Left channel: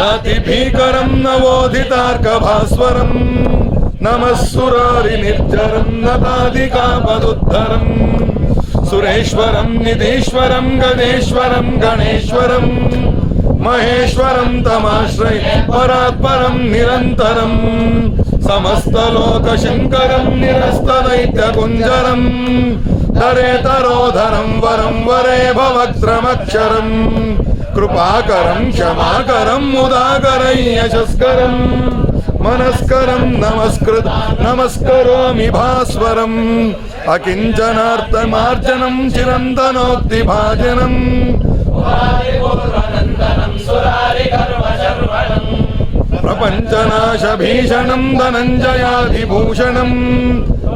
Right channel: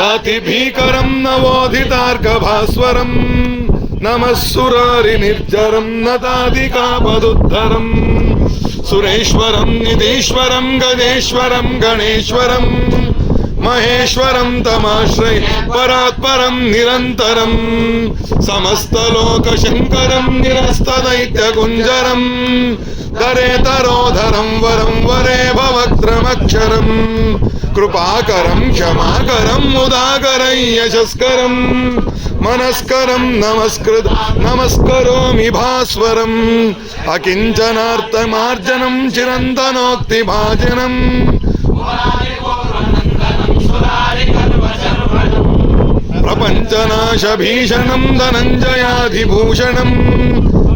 अतिभीकरं नवोदितार्कभास्वरम् नमः सुरारिनिर्जरं नताधिकापदुद्धरम् सुरेश्वरं निधीश्वरं गणेश्वरं गणेश्वरम् महेश्वरं तमाश्रय, परात्परं निरन्तरम् समस्तलोकशङ्करं निरस्तदैत्यकुञ्जरम् दरेतरोधरं वरं वरे भवक्त्रमक्षरम् कृपाकरं, क्षमाकरं मुदाकरं यशस्करम् मनस्करं नमस्कृत, नमस्करोमि भास्वरम् अकिञ्चनार्थमार्जनं चिरन्तनोक्तिभाजनम् प्रपञ्चनाशभीषणं धनञ्जयाधिभूषणम्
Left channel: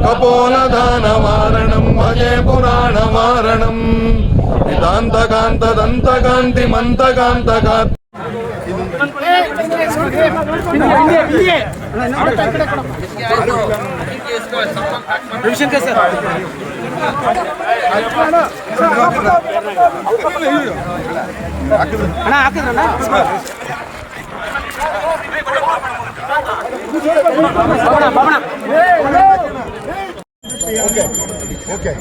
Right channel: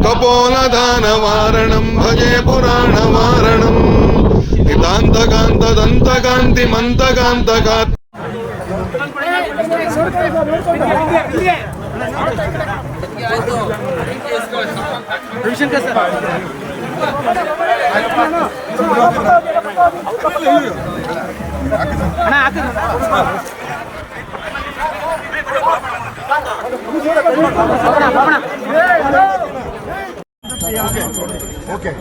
कपोलदानवारणं भजे पुराणवारणम् नितान्तकान्तदन्तकान्तिमन्तकान्तकात् إيه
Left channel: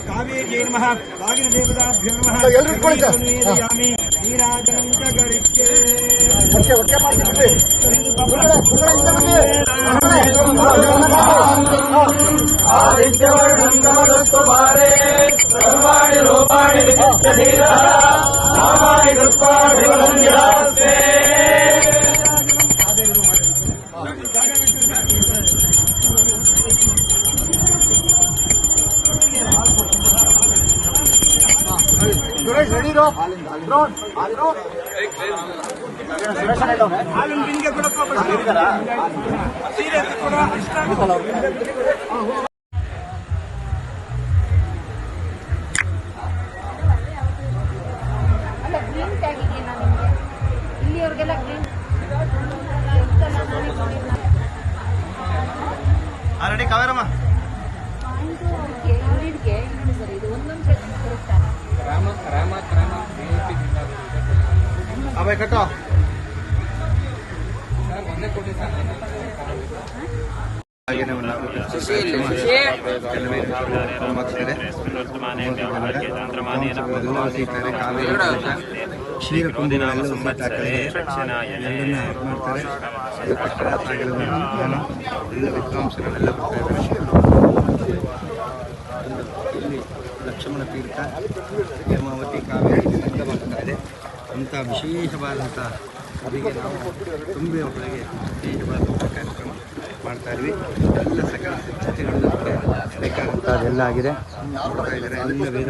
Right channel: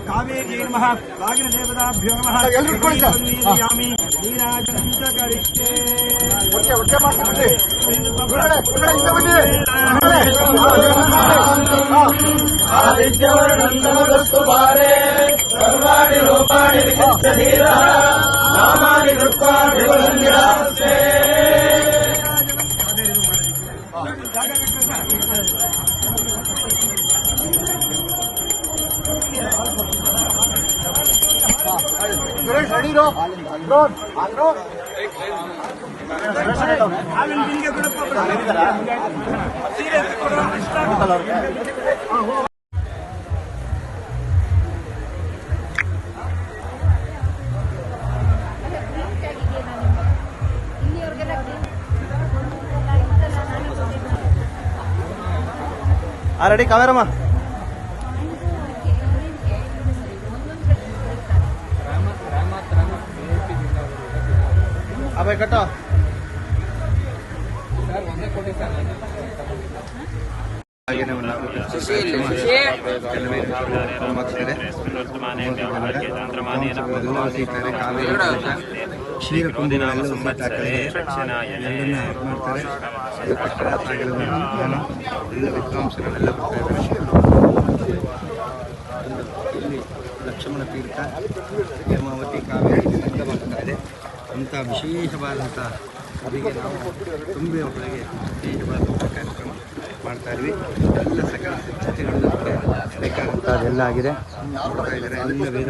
ಕಾವೇರಿಗೆ ನಮಃ ರಾಗಿನ ದೇವತಾಭ್ಯೋ ನಮಃ ನೀರಾಜನಂ ನೀರಾಜನಂತ ಗರಿಕೆ ರೆಡಿ ಕೊಡಪ್ಪ ಸೀರೆ ಎತ್ತಿ ಕೊಡು, ಕಾವೇರಮ್ಮ ಅವೆ ಕಟ್ಟೋ. ಲಕ್ಷ್ಮಣ ತೀರ್ಥ ಹೇಮಾವತಿ ಕಾವೇರಿ ಬರ್ತಾ ಅಂಥ ವಿಶೇಷವಾದಂಥ ಅವರಿಗೆ ನಾವು ತುಂಬಿ ಒಳಗೆ ವಿಶೇಷವಾದಂಥ ಕಾರ್ಯಕ್ರಮ ಮಾಡ್ತಾ ಇದ್ವಿ. ಎಲ್ಲ ಸಕಲ ಸಿದ್ಧತೆಗಳನ್ನು ಬೇಕಾದಂಥ ಅದೆಲ್ಲ ಆಗಿದೆ. ನೋಡ್ತಾ ಇದ್ದಾರೆ. ಎಲ್ಲ ವೇದ